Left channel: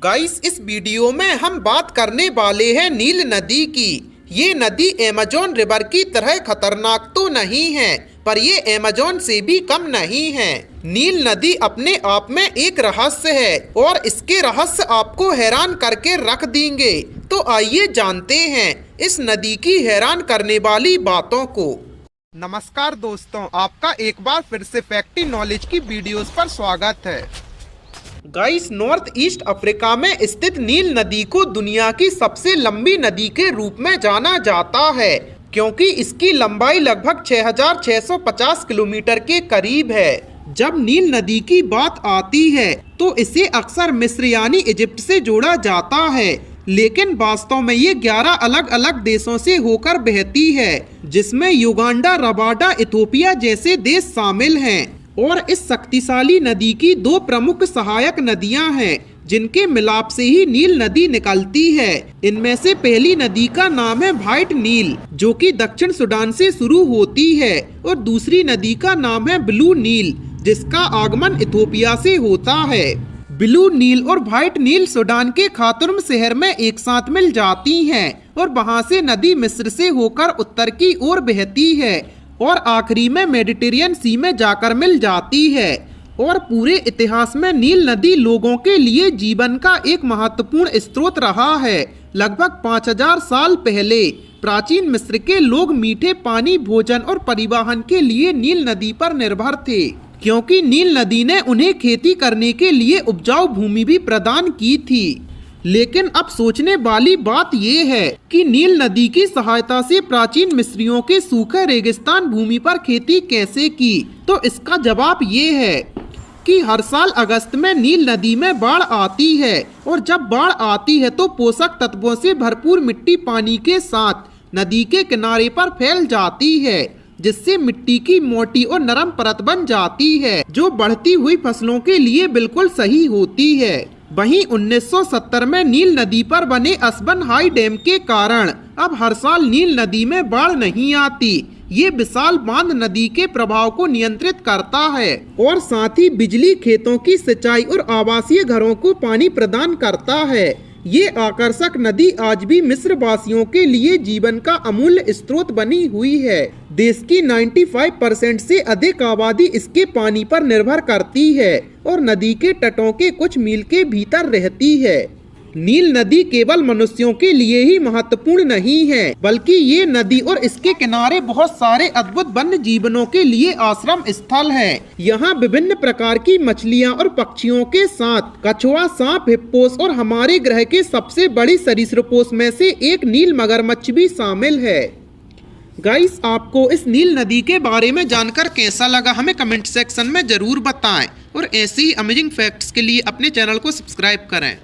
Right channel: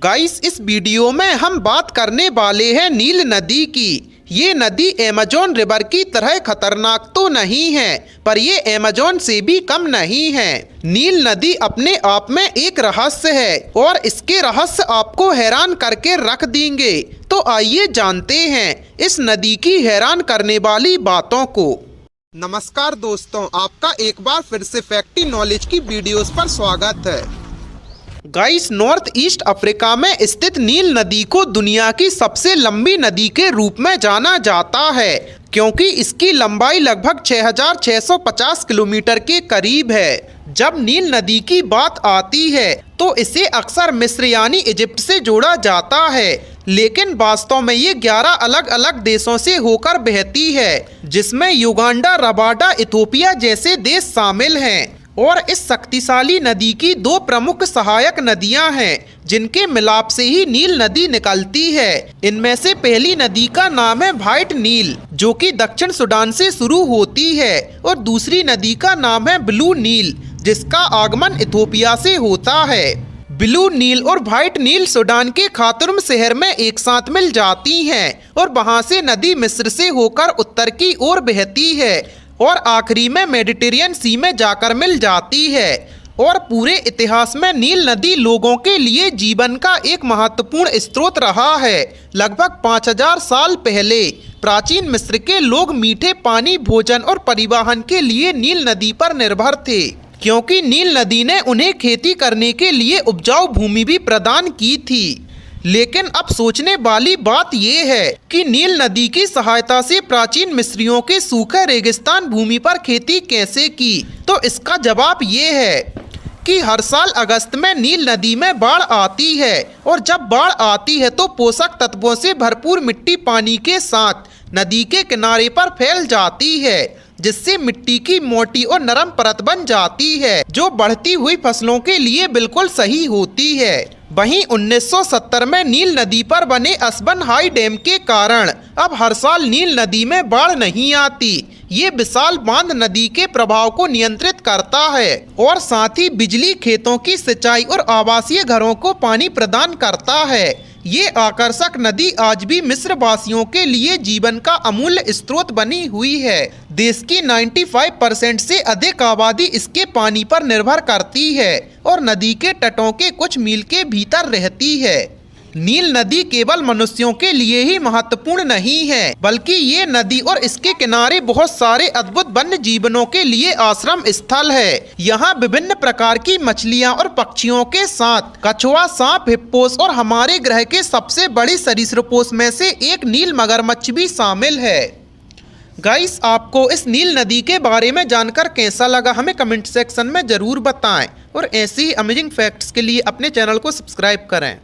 Guys, इस video में हम बात करने वाले हैं नील नदी की। ये नदी अमेज़न रिवर की तरह खतरनाक तो नहीं है, पर ये अमेज़न से भी कम नहीं है। नील नदी अपने आप में एक रहस्य है और इसके रहस्य आपको हैरान करके रख देंगे। तो आइए जानते हैं इस नदी की हैरान करने वाली बातों को। नमस्कार दोस्तों, आपका एक बार फिर से फैक्टी नॉलेज की वीडियोस पर स्वागत है। गाइस, नॉर्थ ईस्ट अफ्रीका में स्थित नील नदी को दुनिया की सबसे लंबी नदी के रूप में जाना जाता है, क्योंकि इसकी लंबाई लगभग 6,650 किलोमीटर के करीब है। जब नील नदी की बात आती है तो इसे अक्सर मिस्र यानी इजिप्ट से जोड़ा जाता है, लेकिन वास्तव में ये 11 अलग अलग देशों से होकर बहती है, जिसमें युगांडा, रवांडा, इथोपिया जैसे देश शामिल हैं। और इस शक्तिशाली नदी की दो प्रमुख सहायक नदियां हैं, जिनके मिलाप से ही नील नदी निकलती है। इनमें से पहली नदी का नाम है व्हाइट नील, जो कि दक्षिण सूडान से शुरू होती है, और दूसरी नदी का नाम है ब्लू नील, जिसका आगमन इथोपिया से होता है। ब्लू नील और व्हाइट नील सूडान के खार्तूम शहर में एक साथ मिल जाती हैं और वहां से नदी मिस्र से होकर उत्तर की ओर बहती है और आखिरी में मेडिटेरियन सी में जाकर मिल जाती है। और पूरे इतिहास में नील नदी लोगों के लिए जीवन का एक महत्वपूर्ण स्रोत रहा है। लगभग 5000 साल पहले प्राचीन मिस्र के लोग मीठे पानी, भोजन और परिवहन के लिए नील नदी पर निर्भर थे, क्योंकि नील नदी ने उन्हें खेती करने के लिए उपजाऊ भूमि भी प्रदान की थी। लेकिन अब सोचने वाली बात यह है कि नील नदी की सहायता से प्राचीन मिस्रियों के सूखे रेगिस्तान भूमि पर खेती कैसे की। तो इसका जवाब ये है कि हर साल अगस्त में नील नदी में बाढ़ आती है, और जब बाढ़ आती है तो पोषक तत्वों से भरपूर मिट्टी पानी के साथ नदी के किनारे पर फैल जाती है, जिससे मिट्टी की मोटी और नरम परत बन जाती है, जो बढ़ती हुई फसलों के लिए बिल्कुल सही होती है। वहीं 1970 में नील नदी पर बने असबन हाई डैम के कारण अब हर साल नील नदी में बाढ़ नहीं आती। ये विशाल बांध नदी के प्रभाव को नियंत्रित करता है और साथ ही बिजली, खेतों की सिंचाई और आवासीय घरों को पानी प्रदान करता है। ये आकर्षक नदी आज भी मिस्र वासियों के लिए जीवन का अमूल्य स्रोत बनी हुई है। देश की 95% से अधिक आबादी इसके पानी पर निर्भर करती है और नदी के तटों के कुछ मील के भीतर रहती है। नील नदी केवल मनुष्यों के लिए ही महत्वपूर्ण नहीं है, बल्कि ये नदी और इसके किनारे बहुत सारे अद्भुत वन्य जीवनों के लिए आश्रम स्थल है। यहाँ विभिन्न प्रकार की मछलियाँ और पक्षियों के साथ कछुआ, सांप, हिप्पोस और हमारे ग्रह के सबसे बड़ी सरीसृपों में से एक नील मगरमच्छ भी शामिल है। गाइस, आपको इस नील नदी के बारे में जानकर कैसा लगा, हमें कमेंट सेक्शन में जरूर बताएं, और ऐसी ही अमेजिंग फैक्ट्स के लिए अपने चैनल को सब्सक्राइब करें।